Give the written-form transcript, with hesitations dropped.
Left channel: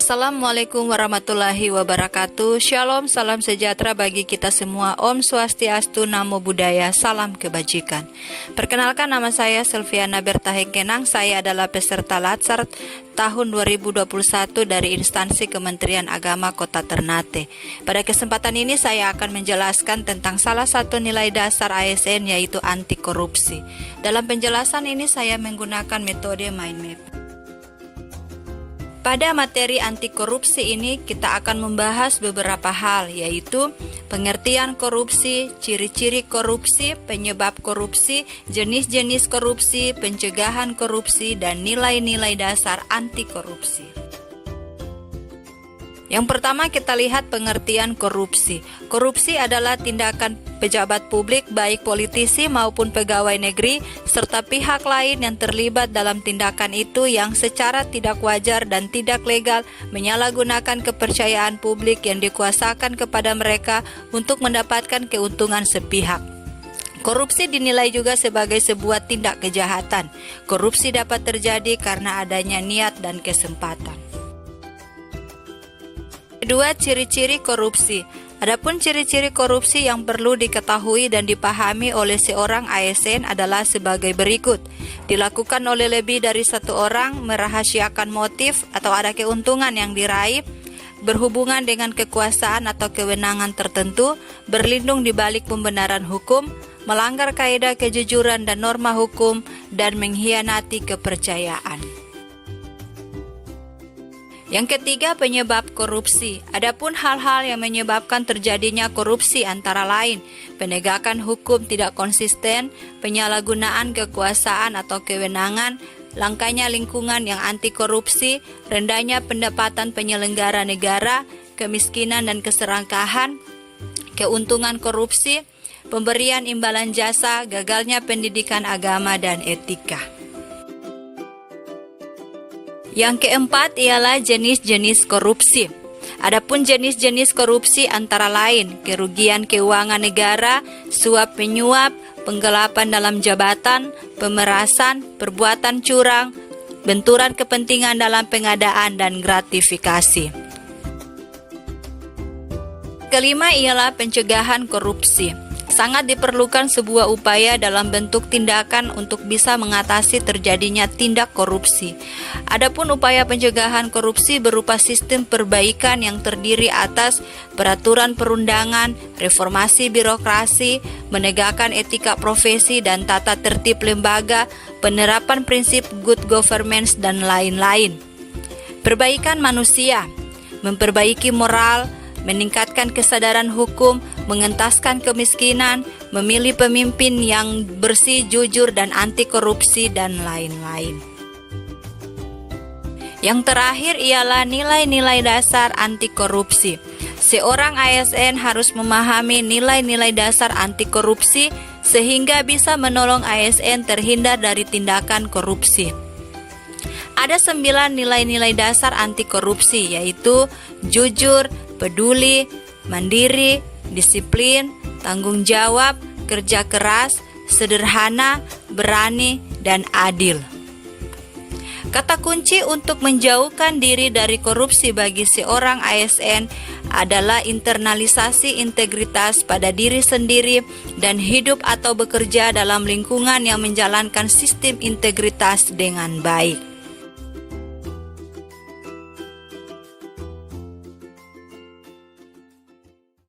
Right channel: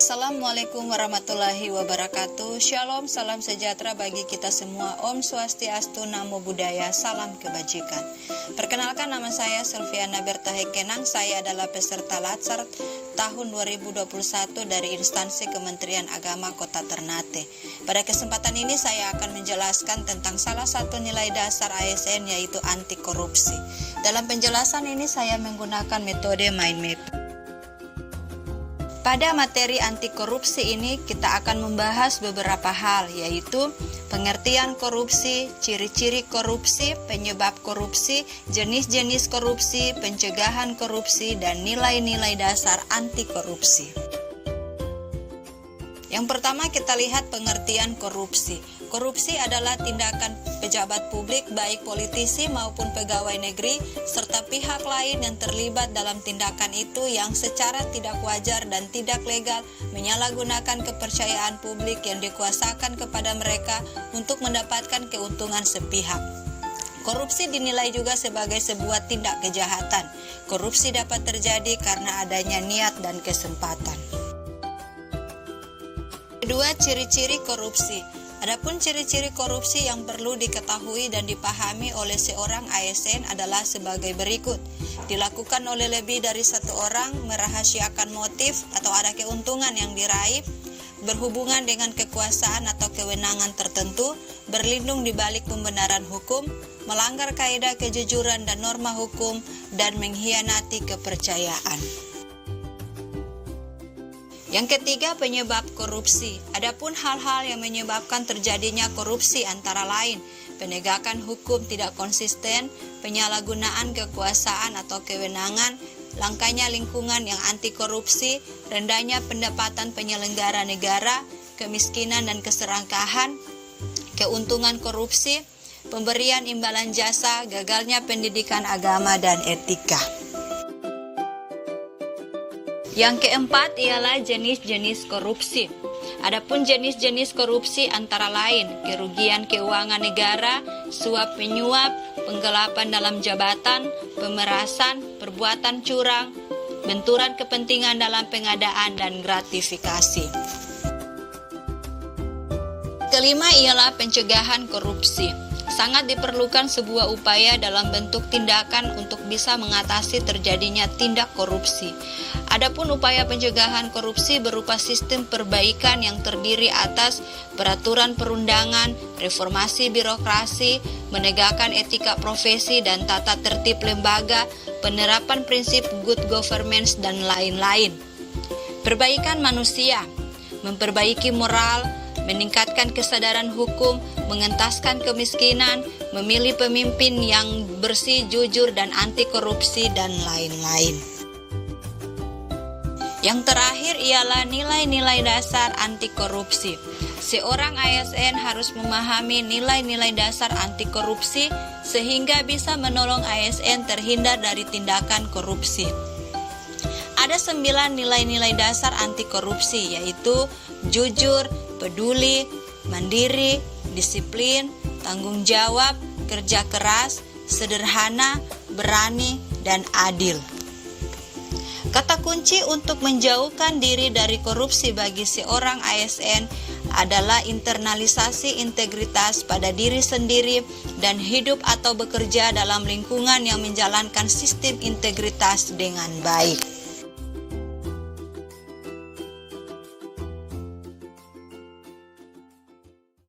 Assalamualaikum warahmatullahi wabarakatuh. Shalom, salam sejahtera bagi kita semua. Om Swastiastu, Namo Buddhaya, salam kebajikan. Perkenalkan, nama saya Selviana Bertahekenang. Saya adalah peserta Latsar tahun 2021 dari instansi Kementerian Agama Kota Ternate. Pada kesempatan ini saya akan menjelaskan tentang salah satu nilai dasar ASN, yaitu anti korupsi. Dalam penjelasan ini saya menggunakan metode mind map. Pada materi anti korupsi ini kita akan membahas beberapa hal, yaitu pengertian korupsi, ciri-ciri korupsi, penyebab korupsi, jenis-jenis korupsi, pencegahan korupsi, dan nilai-nilai dasar anti korupsi. Yang pertama kita lihat pengertian korupsi. Korupsi adalah tindakan pejabat publik baik politisi maupun pegawai negeri serta pihak lain yang terlibat dalam tindakan itu yang secara tidak wajar dan tidak legal menyalahgunakan kepercayaan publik yang dikuasakan kepada mereka untuk mendapatkan keuntungan sepihak. Korupsi dinilai juga sebagai sebuah tindak kejahatan. Korupsi dapat terjadi karena adanya niat dan kesempatan. Kedua, ciri-ciri korupsi. Adapun ciri-ciri korupsi yang perlu diketahui dan dipahami oleh seorang ASN adalah sebagai berikut. Dilakukan oleh lebih dari satu orang, merahasiakan motif atau ada keuntungan yang diraih, berhubungan dengan kekuasaan atau kewenangan tertentu, berlindung di balik pembenaran hukum, melanggar kaidah kejujuran dan norma hukum, dan mengkhianati kepercayaan. Yang ketiga, penyebab korupsi. Adapun hal-hal yang menyebabkan terjadinya korupsi antara lain penegakan hukum tidak konsisten, penyalahgunaan kekuasaan atau kewenangan, langkanya lingkungan yang anti korupsi, rendahnya pendapatan penyelenggara negara, kemiskinan dan keserakahan, keuntungan korupsi, pemberian imbalan jasa, gagalnya pendidikan agama dan etika. Yang keempat ialah jenis-jenis korupsi. Adapun jenis-jenis korupsi antara lain kerugian keuangan negara, suap menyuap, penggelapan dalam jabatan, pemerasan, perbuatan curang, benturan kepentingan dalam pengadaan dan gratifikasi. Kelima ialah pencegahan korupsi. Sangat diperlukan sebuah upaya dalam bentuk tindakan untuk bisa mengatasi terjadinya tindak korupsi. Adapun upaya pencegahan korupsi berupa sistem perbaikan yang terdiri atas peraturan perundangan, reformasi birokrasi, menegakkan etika profesi dan tata tertib lembaga, penerapan prinsip good governance dan lain-lain. Perbaikan manusia, memperbaiki moral, meningkatkan kesadaran hukum, mengentaskan kemiskinan, memilih pemimpin yang bersih, jujur, dan anti korupsi, dan lain-lain. Yang terakhir ialah nilai-nilai dasar anti korupsi. Seorang ASN harus memahami nilai-nilai dasar anti korupsi sehingga bisa menolong ASN terhindar dari tindakan korupsi. Ada 9 nilai-nilai dasar anti korupsi, yaitu jujur, peduli, mandiri, disiplin, tanggung jawab, kerja keras, sederhana, berani, dan adil. Kata kunci untuk menjauhkan diri dari korupsi bagi seorang ASN adalah internalisasi integritas pada diri sendiri dan hidup atau bekerja dalam lingkungan yang menjalankan sistem integritas dengan baik.